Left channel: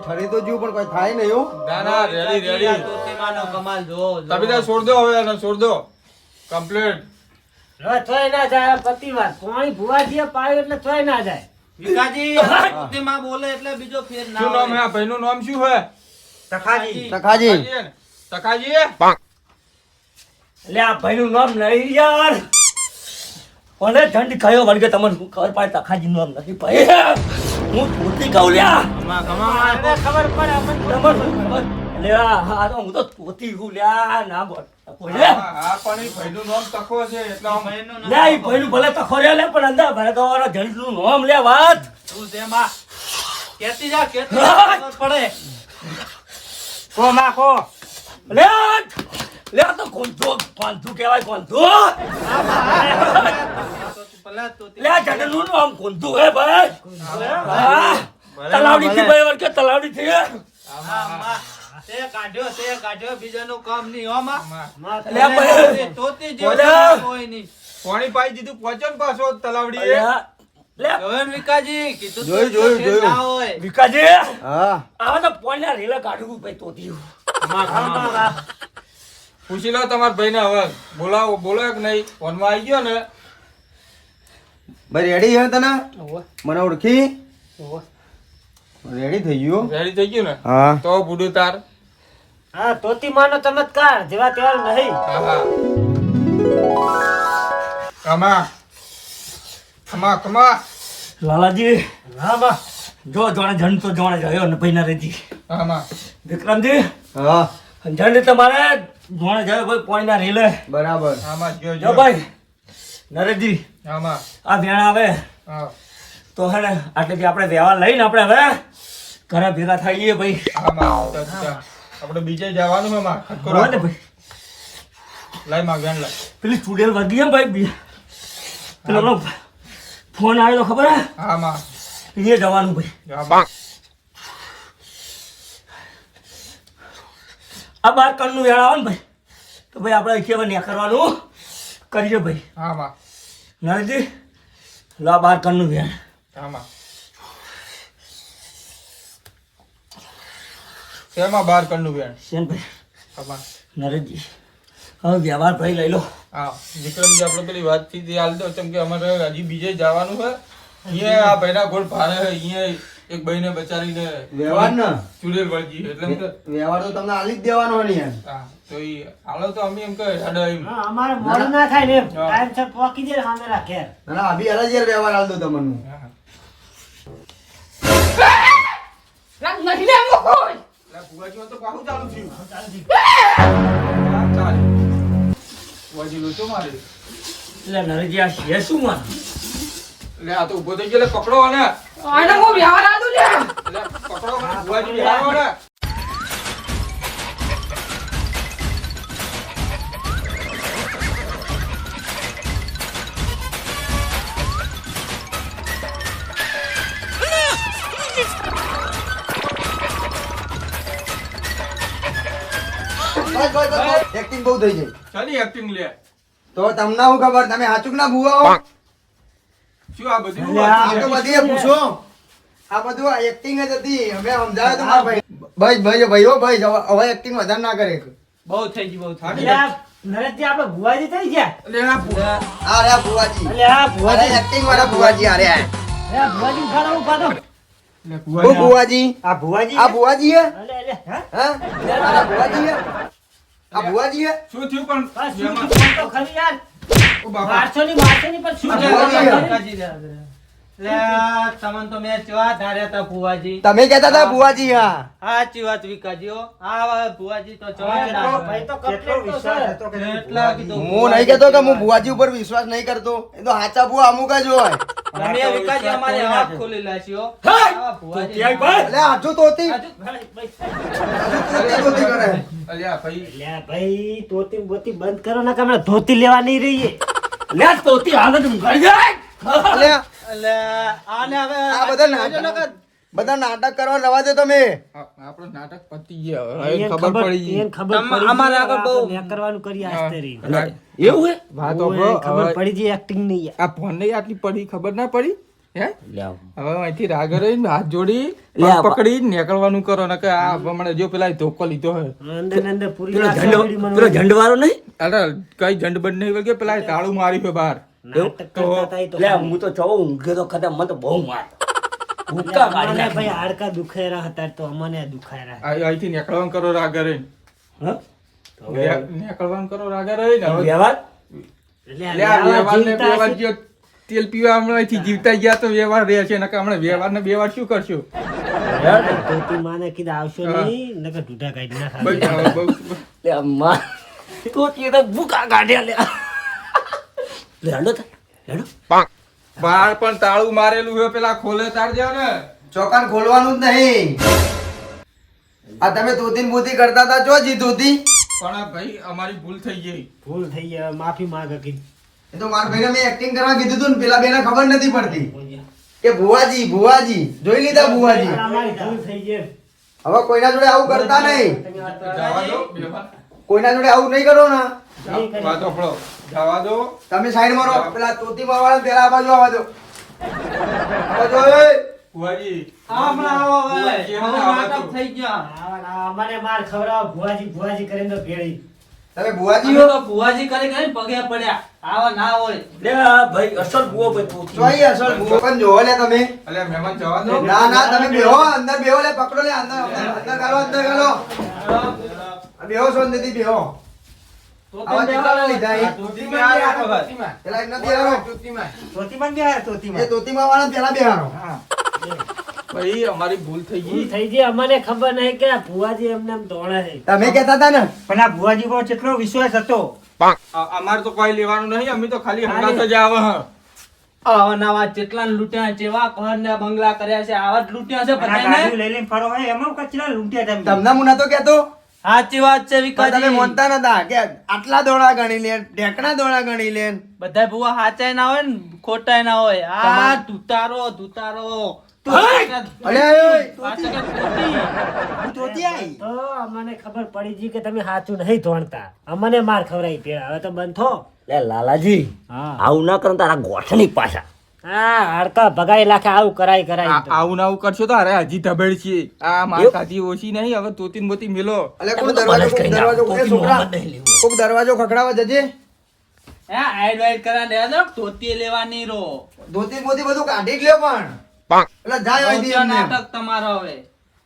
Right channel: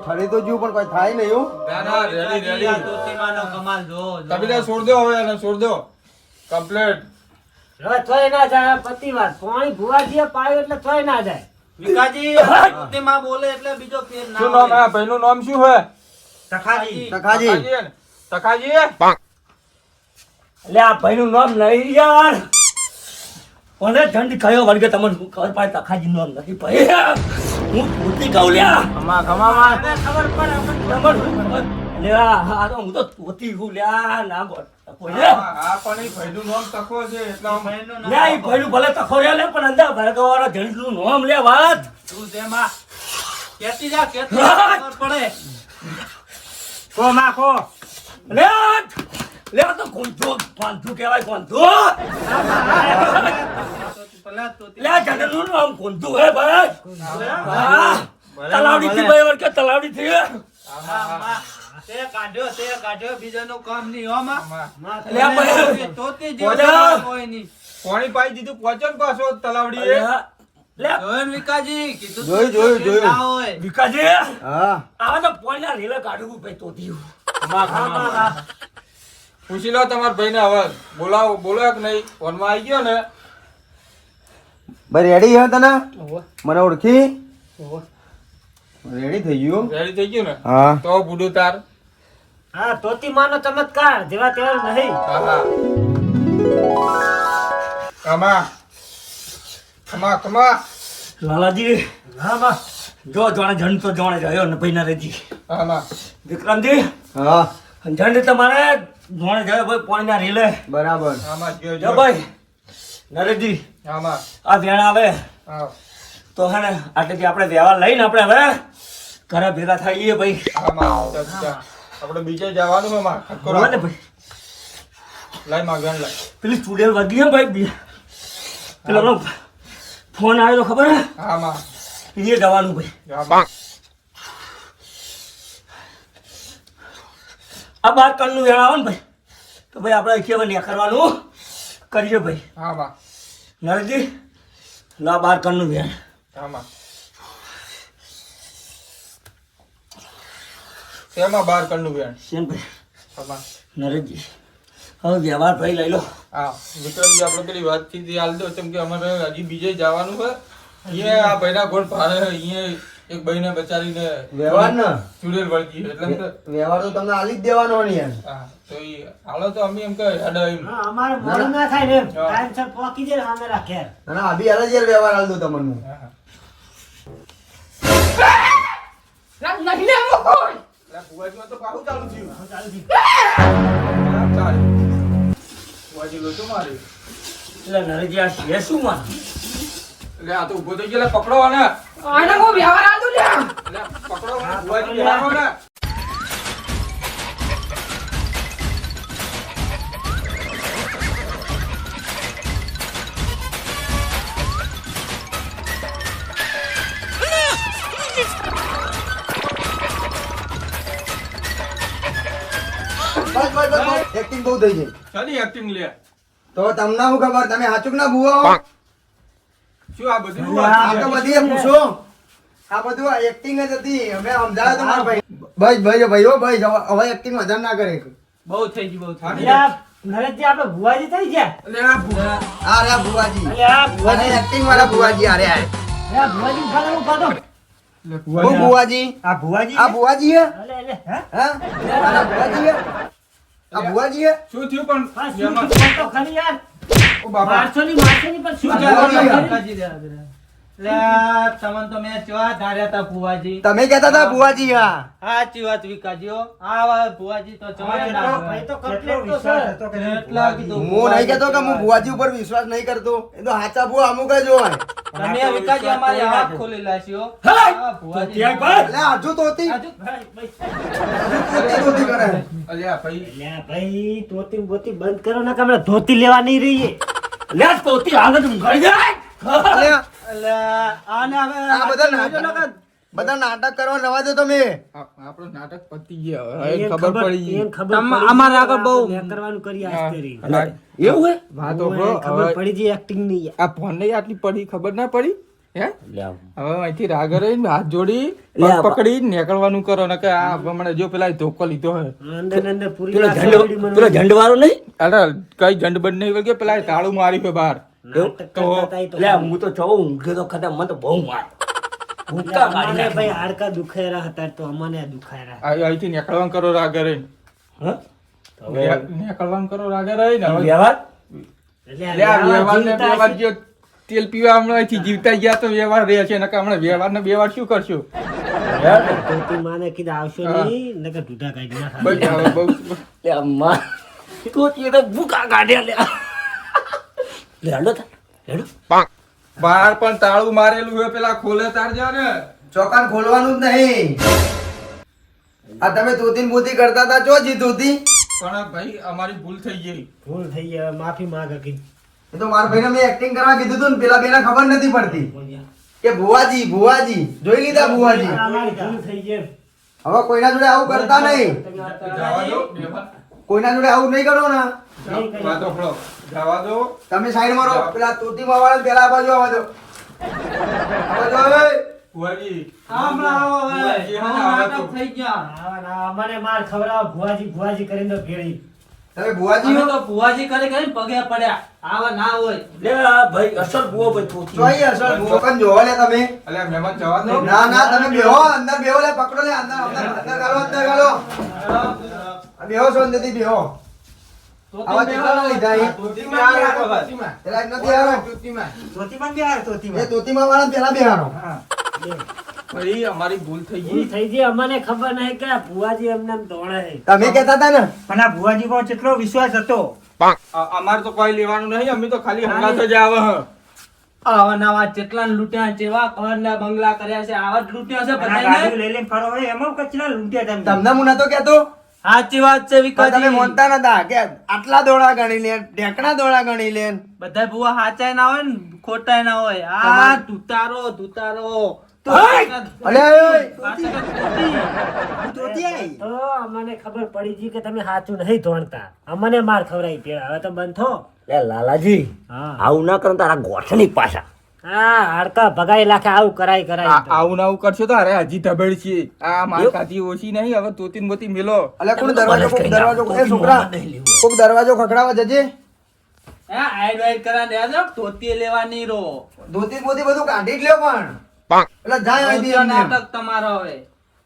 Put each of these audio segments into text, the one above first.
ઠરી તો પણ કોઈ થાય નહીં ના ના રેડી રેડી કમાલ જો તમે છોડ દો હવે એને છોડ દો. કમ્પ્લીટ તોય ના જાય પતિ વાત પાણી ભુવા પાયો એટલે તોય ના જાય. વિકાજી તોતિમા બોલે એટલે બીજો ફેર ના શું નામ હે. ભાઈનું નામ શું હે? સખાજી. સખાજી. સખાજી એટલે આ ભાઈનું નામ નહીં યાર કોને ઠંડી કયો વળગે તમને શું ખબર પડે? તખાજી નામ નથી ભાઈ. હું ધોતી કહું લ્યા ખબર પડે. ખબર શું ખબર? લે આ આ તો હું તો ધોતી હું લ્યા ના બોલ ભલે તખો રે લે તું કોંધો કોંધો કહેવાય કોંધો લે આ જણનું નામ કોંધું હે ભાઈ તલાવડી થી ભાઈ વળકે તલાવડી થી તે કાઢ્યો તે કાઢ્યો બીજાનું કામ નહીં હો લે ભાઈ તોતી જેવું કોઈ નહીં પાણી પાઈ દીધું પહોંચો ને પાછો તલાવડી લે આ! લે આ! જોયું વિકાજી કીધું જોયું, જોયું, જોયું. વિકાજી હા આ તો પોઈના રેલા કાઢવું ભાઈ તોતી પૂછી લો તમારા ભાઈને હવે. બોલાવો બોલો કે નહીં? ફોનમાં આવી ગયો ને. ભાઈ રેડી હે તને? મને ઓળખી? રેડી થઈ ગયું? રેડી થઈ ગયું ને? હા. તો બુડુ તાર. હા તોતીમાનો ચમત્કાર જેવા તેવા નહીં. હા હા. કમા કમા કમા લાલાજી જો જોણે જણ તો જોણે જયો ને ભાઈ રેજી હા માં વિક્રમજી હા. જણ તમારે? ભણ જયો ભાઈ પોઈના રેલે. બરાબર. આમાં જો જો ભાઈ નરેજી આમાં. આ વેણ આવે. હા. તો હે ને આટલેથી આપણે વ્યવહાર લઈને આપણે હવે ઘરે ભેગા થઈએ ભાઈ. હા માં તો ત્યાં આપણે બીજે જવાનું છે માં ખટકો ને ભાઈ. લઈ માં વેણ લઈ. પેલી સ્ટુડિયો વધી હે ભાઈ બી- પેલો ફોન આવ્યો ખબર હે? હા માં એ જવાનું ભાઈ હા માં આ બાર કણનું વેળા આવે ને ભાઈ તો ભાઈ આપણે અહીંથી હવે ન્યા કરવાનું કરીએ ભાઈ. હા માં નરેશજી લા બાર કણનું વેણ હા શેમાં બાર કણનું વેણ શેન ભાઈ? હા નરેશજી હવે વ્યવહાર ભાઈ લઈ લો. હા વિક્રમજી આપણે પેલી વાતથી હાલ દો કેમ કે અમારે હજી બીજે જવાનું છે. અહીંયા આ ભાઈના ગોળ ભારે અહીંયા એક ભાઈને બચારીને વ્યવહાર ને ચુડેલ વળગી એટલે તો- વ્યવહાર તો તમને આલી જ દેવાનો હોય ને યાર તો ઈ હાલો તો અમે એમ કે હેડો એમ હા, અમારે મોડું ના થાય ને ટાઈમ હા. પોકી દે સામે રાખે ના અભી હાલ યાર વ્યવહાર આલ દો તમને હા. નહીં ને એમાં કોઈ. એટલે તો ચાલુ થયું. ચાલે. નરેશજી આ શું માં એટલે આ તો ઊભો થઈ ગયો એટલે પકડો આને. આને હું વ્યવહાર પકડો ભુવાજી એક્ટિંગ બહુ થઈ ગઈ. શાની એક્ટિંગ લે? તો તમને શું ખબર? તમે હાચુક ના ભૂવા શું આ બધું આ તો બધી પૂછો. આ બધું એક્ટિંગ જ હતી. અમે સમજાવ્યો તો મારા ભાઈ. ભાઈ ભાઈ ભાઈ ભાઈ હવે- એક્ટિંગ વધારે ના કરે. બહુ થઈ ગયું બહુ થઈ એટલે નરેશજી આપણે ભુવાજી થઈ ગયા? એટલે આ ભુ- આ ભુવાજી. એટલે આ ભુવાજી એક્ટિંગ વાળા ભુવાજી આ રહ્યા ભુવાજી ઉખાડો ઉખાડો એટલે ભુવાજી આ- ભુવાજી? આ ભુવાજી હે? એટલે એટલે હા? હા? આ ભુવાજી હે? આ ભુવાજી હે? શું થયું પણ થયું? તો ખરી યાર. ઓ બાપા. મારશો ની મારશો ની પણ શું થયું? તમે કેતા હતા ભુવાજી હા. સાચી વાત ભુવાજી તો કીધું હું નહીં કેતો કે હું ભુવાજી ઉપર વિશ્વાસ નહીં કરતો. એ તો હાચા બુવા અમુક જ હોય. અમે વિકાજી અમારી આંખ ખોલી લાશીઓ ભાઈ. તોતી. બોતી બંધ કરો ને કે ધોતી લેવા નહીં રહીએ. લે તોતી હાલત ઊંઘાડી જાય અલ્યા, એટલે આને હવે આ બધા નાટક. બધા નાટક કરવા જવા દે તમે. આપણો નાટક પતી ગયા. હવે ખબર પડી ગઈ. ખબર પડી અમારે આગળ બહુ- કરવાનું કરી આસ્તે રહી એવું હે? વાત ઓય, ખબર પડી ગઈ એક્ટિંગ નહીં આ ફોન નહીં આટલી પડી ખબર ના પડી? હે? હવે અહીંથી રાગર હાથ જોડી પકડી નીકળવાનું કરો ને કે આ હમણાં જો પેલા ધોકો લીધો હે. અંદર ને અંદર પૂરી પેલો આશા ઝંડો નહીં? અરે કઈ જંડ બંધ નહીં વળગે પેલા તાળું મારી છે બહાર. તો હું તો છો ઊંઘે તો ખતમ મને તો બહુ માર. ભાઈ હાડકા દુખાયરા હતા તો અમને દુખાયરા આ- અહીંથી નીકળવાનું કરો રાગે રહી હા? નીકળવાનું કરો રાગે રહી ને વ્યવહાર? એટલે આ આ વ્યવહાર ને વ્યવહાર જો તેલ પીવા હમણાં અહીંથી જીવતા ગયા તો વ્યવહાર રહે છે નકા હમણાં વ્યવહાર ને વ્યવહાર શું કરશું? માને કીધું આવશો નહીં નકર ઢૂઢા કાઢી બહુ લે અમ્મા તોતીએ તો ભૂકા કાઢ્યા લે લે તા રેડો. હેડો બહાર પણ તાળું મારેલું હોય પેલા ખોલે તાર જા ને. ચોકાન ખોલવાનું જ નહીં. આ તમે તોતી ને કરતા હતા જો જી તોતી પણ ભાઈ અમારી ભૂલ થઈ ગઈ. ભૂલ થઈ ગઈ માફી માંગ કીધું એ તો મારા ભાઈને મેં એક્ટિંગ કરવા કીધું હતું ને પેલા બેને ખબર નથી પડતી. કે ભુવાજી ભુવાજી જોઈ લીધા ભુવાજી. અમારી ભૂલ થઈ ગઈ હવે કોઈના જોડે આવું કરતા નહીં. જવા દો વ્યવહાર. કોઈના જોડે આવું નહીં કરો ને. જવા દો. તમે સાઈડ મારો પેલા તોતી વાળા પેલા આ બાજુ આવવા દો. ભુવાજી. હમણાં આવો હવે. ભુવાજી, હવે હમણાં આવો નાટક તો. થઈ ગયા. આવા ના અમારે માર ખવડાવો. ભુવાજી ભુવાજી કરીને તો ભેળી. તમે ભુવાજી તો ભુવાજી કરી કરીને પગે પડ્યા. આવા ના હોય. લે ભાઈ અસલ બુઓ ભાઈ તોતી. જોઈ અસલ પણ જોવો લે તમે. અલે મહેમાન જવા દો. ના ના તમે બેહો અંદર બેહો લે પકડો લે અંદર અંદર અંદર ગાલો અંદર ગાલો બેહો સોન દીદી બેહો. અમારી ભૂલ થઈ ગઈ. થઈ ગઈ. અમને ખબર નહીં કે ભુવાજી એમને એમ તમે કહેતા હતા ને? પણ આ ભુવાજી પર કેટલો વિશ્વાસ હતો? અમારે તો કોઈ લેવાનું નહીં. અમે તો ખાલી હમણાં જ આવે આવા નવા જેટલા લૂંટ્યા જેવા ઘર ને બંગલા કર્યા છે આવા જ લૂંટ્યા છે તમને મુના તો કહેતો? સાચી વાત છે વિકાસ તમે મોનતા નતા કે આટલા દોડા ગણી લે ઢેકણા દોડા ગણી લે. બધા ભૂવા સાચા ના હોય ને ખોટાય ના હોય. આ ધુતારો ધુતારો. અમને ખબર પડી ગઈ કે તમે સાચું નહીં ધોણતા. અમને માર ખવડાવી પેલા હવે તો બંધ થો. લાલાજી હા. આવું ના કરો તારા ગોઠની પાછા. હા હાડકા ભગાઈ લાખે આવું કરાય કરાય આવું ને આવું કરશો તો અરે હજી ધબેડ છીએ આ માર કાચી ઓછી નહીં હવે તોતીન બોતી મેલો. અલે કોણ દરવાજો દરવાજો કોક ખખડાવા જજે. હે, આઈડ વાઈડ કરા દો ધોતી લેવાની રો ધોતી મોતી બધું કાઢી જ લ્યો પણ. એટલે જાય. નાટક તમારો હવે.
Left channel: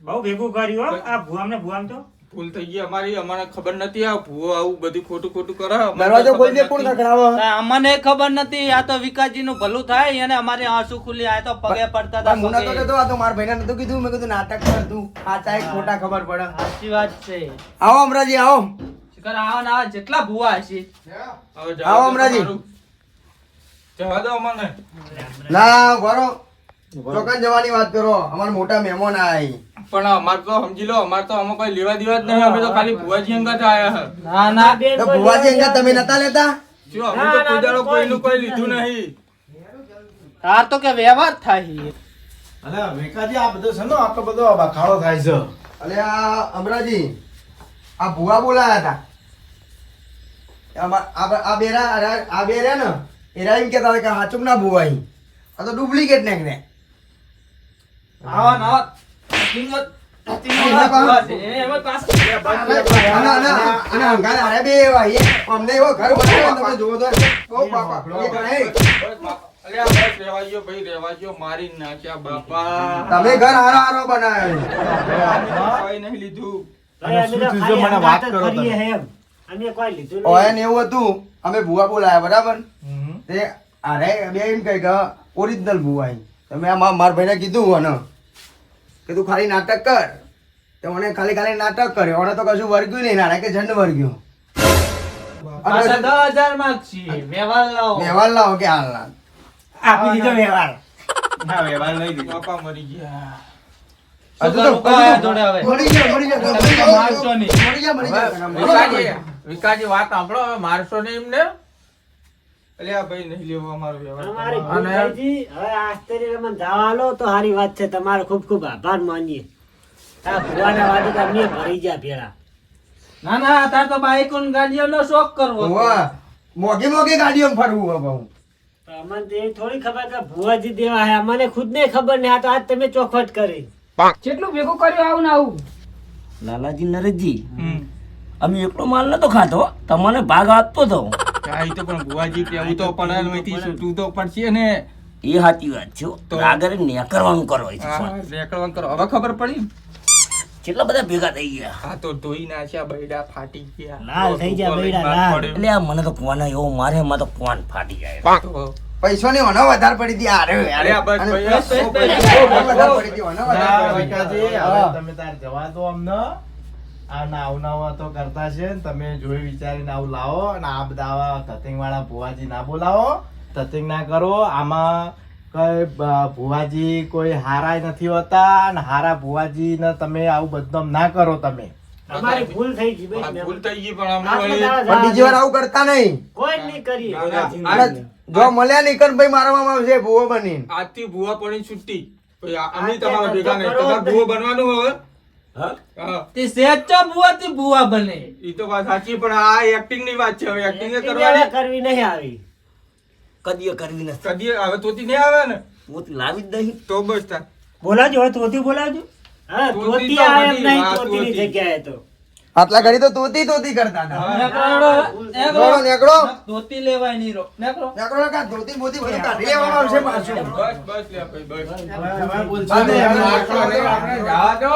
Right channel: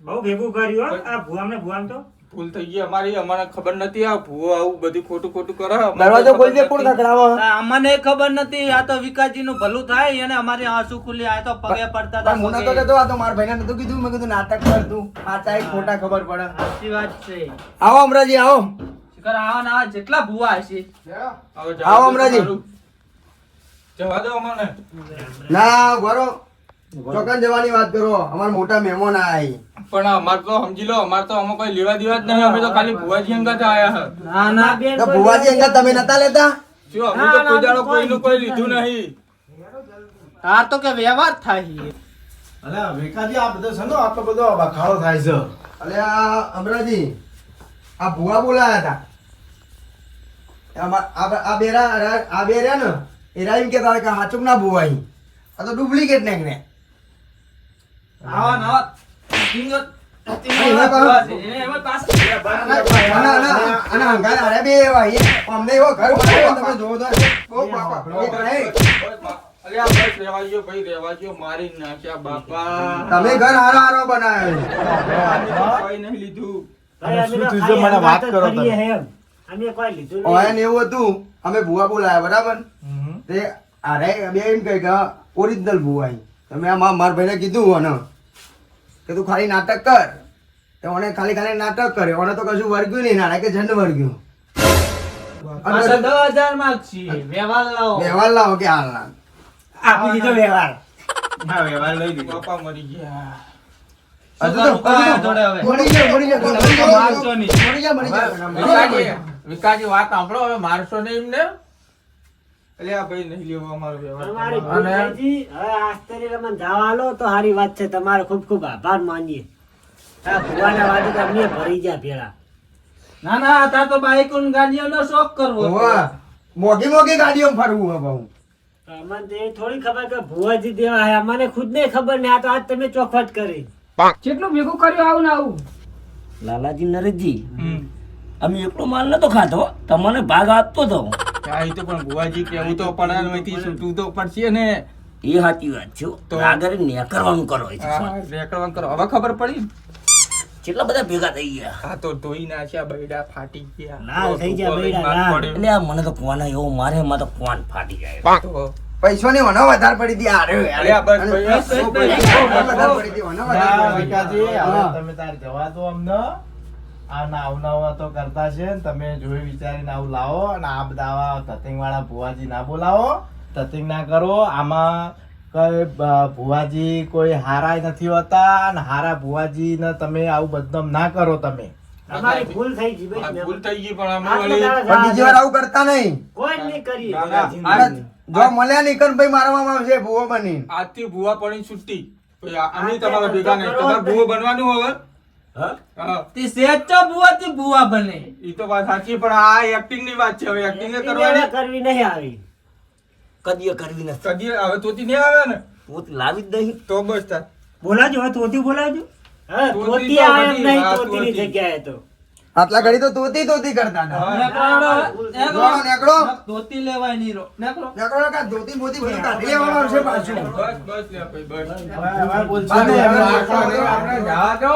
બહુ ભેગું કર્યું હો. આ ભુવામ ને ભુવામ તો. ભૂલ થઈ ગઈ. અમારી અમને ખબર નથી આ ભૂવો આવું બધું ખોટું ખોટું કરે. દરવાજો ખબર ખોલજે કોણ. ખખડાવે અમને ખબર નથી. આ તો વિકાસજી નું ભલું થાય અને અમારે આંસુ ખુલી આ તો પગે પડતા હતા મને તો કહેતો આ તો મારા ભાઈને નતું કીધું. મેં કીધું નાટક કર તું. આ એક ખોટા ખબર પડે. સાચી વાત છે. આવો અમરાજી આવો. શિખર આવો ના જેટલા ભુવા હશે. જવા આવો દો અમરાજી. જવા દો અમને. ના ગોરો ચોકન જવાની વાત કરો. અમાર મોટા મહેમાન આય પણ અમારે તો સમજી લો અમારે તો અમે કોઈ લેવા દેવા જ નહીં. અમે તો ખાલી ભુવાજી અંગત આયા હે ના ના બેન તો ભુવાજી અંગત તમે નતા લેતા? શું અમે તો કોઈ દાડો કોઈનું કોઈ લીધું નહીં. તાર તો કે વ્યવહાર થાય અલે વેકાજી આ બધો છે ને આટલો બધો બખાડો થાય છે. અલે આ અમરાજી આ ભુવા બોલાયા હતા આ આ બેરા આ- બેરા ને એરા એમ કેતા કે હાચુક ના ભુવાઈ. આ તો ડુપ્લિકેટ ને. આવા નવા તમે જોવો તો બહુ બાપા એ ઘરે અલ્યા બસ રહેવા દ્યો ભાઈ રહેવા દ્યો મારી નાખ્યા બાપા. તમે ઘર હારો હારો બનાવ્યો નહીં લીધું. મને વાત કરો. અમે કોઈ લીધું ઓય એવું હતું અમે ભુવા બોલાયા બરાબર? તે અરે બે એમ કહે કે ઓરિજિનલ ભુવાઈ તમે આ મારા ભાઈને કીધું અને કે તું ખાલી નાટક કર. તો ઓને ખાલી ખાલી નાટક કરે. ઓને તો કશું વર્ગ્યું નહીં નાના કે જંડ વર્ગ્યું. વ્યવહાર લાવો. કે હાલ ના આપી દીધો વ્યવહાર. ના લઈ મરી ગયા. વાત સાંભળો હવે. મારશો નહીં એમને? એટલે આ ભાઈ નહીં લેવો અમારો વ્યવહાર અમારી હવે આસ્તરી રમણ જવા આલો તો સારી વાત છે. તમારો ખૂબ ખૂબ આભાર માનીએ. આ ભુવાના વાતે અમને ભરી ગયા ભેળા. ના ના અત્યારે તો બાઈક ગાડીઓનો શોખ કરવો. મોઘી મોઘી ગાડીઓ ફરવું હવે હું. અમને તો એ થોડી ખબર કે ભુવાજી દેવા હે. અમને ખુદ ને ખબર ને આ તો આજ તમે ચોખવટ કરી. કેટલું ભેગું કર્યું આવું ને આવું? લાલાજી નરેશજી અમે એકલો માલ નતો ખાતો તમને ભાગ આપતો હતો એ તો પણ બુવાજી કેવું તો પણ એમાંથી છૂટવું તો પડશે ને. એ સાચી વાત છે તો- આગળ નેકળવાનું કરો. રેકડવાનું કરો. હવે ખબર પડી? કેટલા બધા ભેગા થઈ ગયા? હા તો ધોઈ નાખ્યા બૈડા ફાટી ગયા. લાલ થઈ ગયા બૈડા. એટલે આ મને તો કોણ એવો મારે એમાં તો કોણ ફાટી જાય તો પૈસો ની વનો વધારે પડી દી અરે અરે આ બસ પૈસો વધારે પડી દી વનો વધારે પડી. તમે તાર જવા દો અમને. આ નાવ નાવ તો કરતા છે ને તમે જોઈ વિચારીને આવું લાવો અને આ બધા આવા ધતિંગ વાળા ભુવાજી ના બોલાવો. તતિંગ ના કરો આમાં કઈ ભુવાજી કોઈ હારા નથી હોતા અને હારા ભુવાજી ને તમે આવું બદનામ ના કરો તમે. અમારી ભૂલ થઈ ગઈ ભૂલ થઈ ગઈ પણ અમે આટલા વળી- દાડા પણ બીજી વાર આવું કરતા નહીં. કોઈ નહીં કરી જો મળ્યા નહીં કન ભાઈ મારવામાં આવશે ભૂવો બની આજથી ભૂવા પડી છૂટી અમે તમારા ભેગા નહીં. તમારે ભૂવો બનવાનું હવે? તે સેચા બુવા થી બુવા બને. ઈ તો વાત સાચી પણ આ એક્ટિંગની વાત છે. હવે એક્ટિંગ કરવાની કરવી નહીં આવી. કદી કરવી નથી. કદી હવે તોતી નહીં આવે ને? પોત લાવી જ નહીં. તો બસ બોલાજો હવે તોથી બોલાજો હા તોતી તોતી આવે નહીં હા, તોતીની જગ્યાએ તો. આટલા ઘડી તો તોતી તોતી કરતા હતા. નેકડો તોતી લેવાય નહીં નેકડો નેકડો કા ધોતી મોતી બધું કાઢી લેવાનો છે પાછું. બસ બસ લે ભાઈ બસ. હવે બોલ છે આપણે જા જો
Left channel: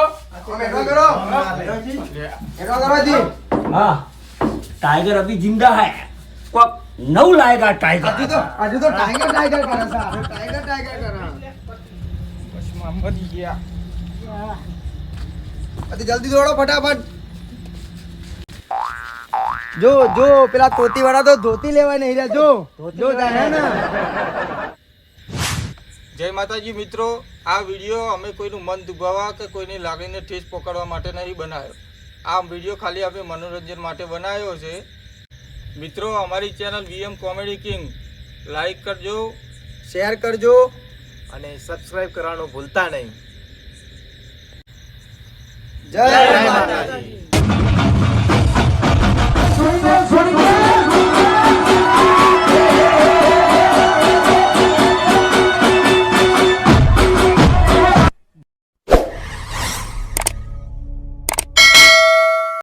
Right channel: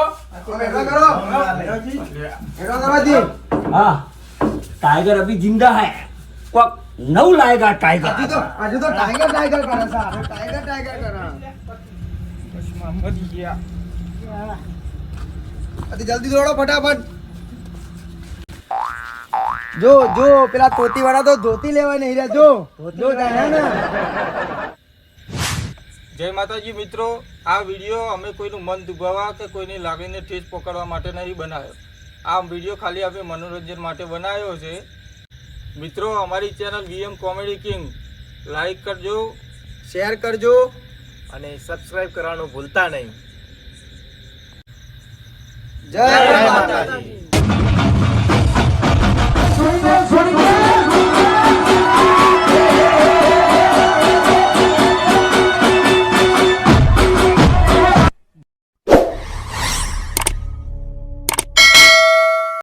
એટલો કરો. એટલો કરો. જી. હા. ટાઈગર અભી જિંદા હે. કોક નવ લાયગા ટાઈગર હજુ તો હજુ તો ટાઈગર ટાઈગર કરે છે. ટાઈગર ટાઈગર કરે. બસમાં મરી ગયા જલ્દી દોડો ફટાફટ. જો જો પેલા તોતી વાળા તો ધોતી લેવા નહીં રહ્યા જો. જો જાય ને. જય માતાજી મિત્રો આ વીડિયો અમે કોઈનું મન દુભાવવા કે કોઈની લાગણીને ઠેસ પકડવા માટે નહીં બનાવ્યો. આ વીડિયો ખાલી આપણે મનોરંજન માટે બનાવ્યો છે. મિત્રો અમારી channel VM comedy king like કરજો શેર કરજો અને સબસ્ક્રાઈબ કરવાનું ભૂલતા નહીં. જય માતાજી. Twenty-five, twenty-five.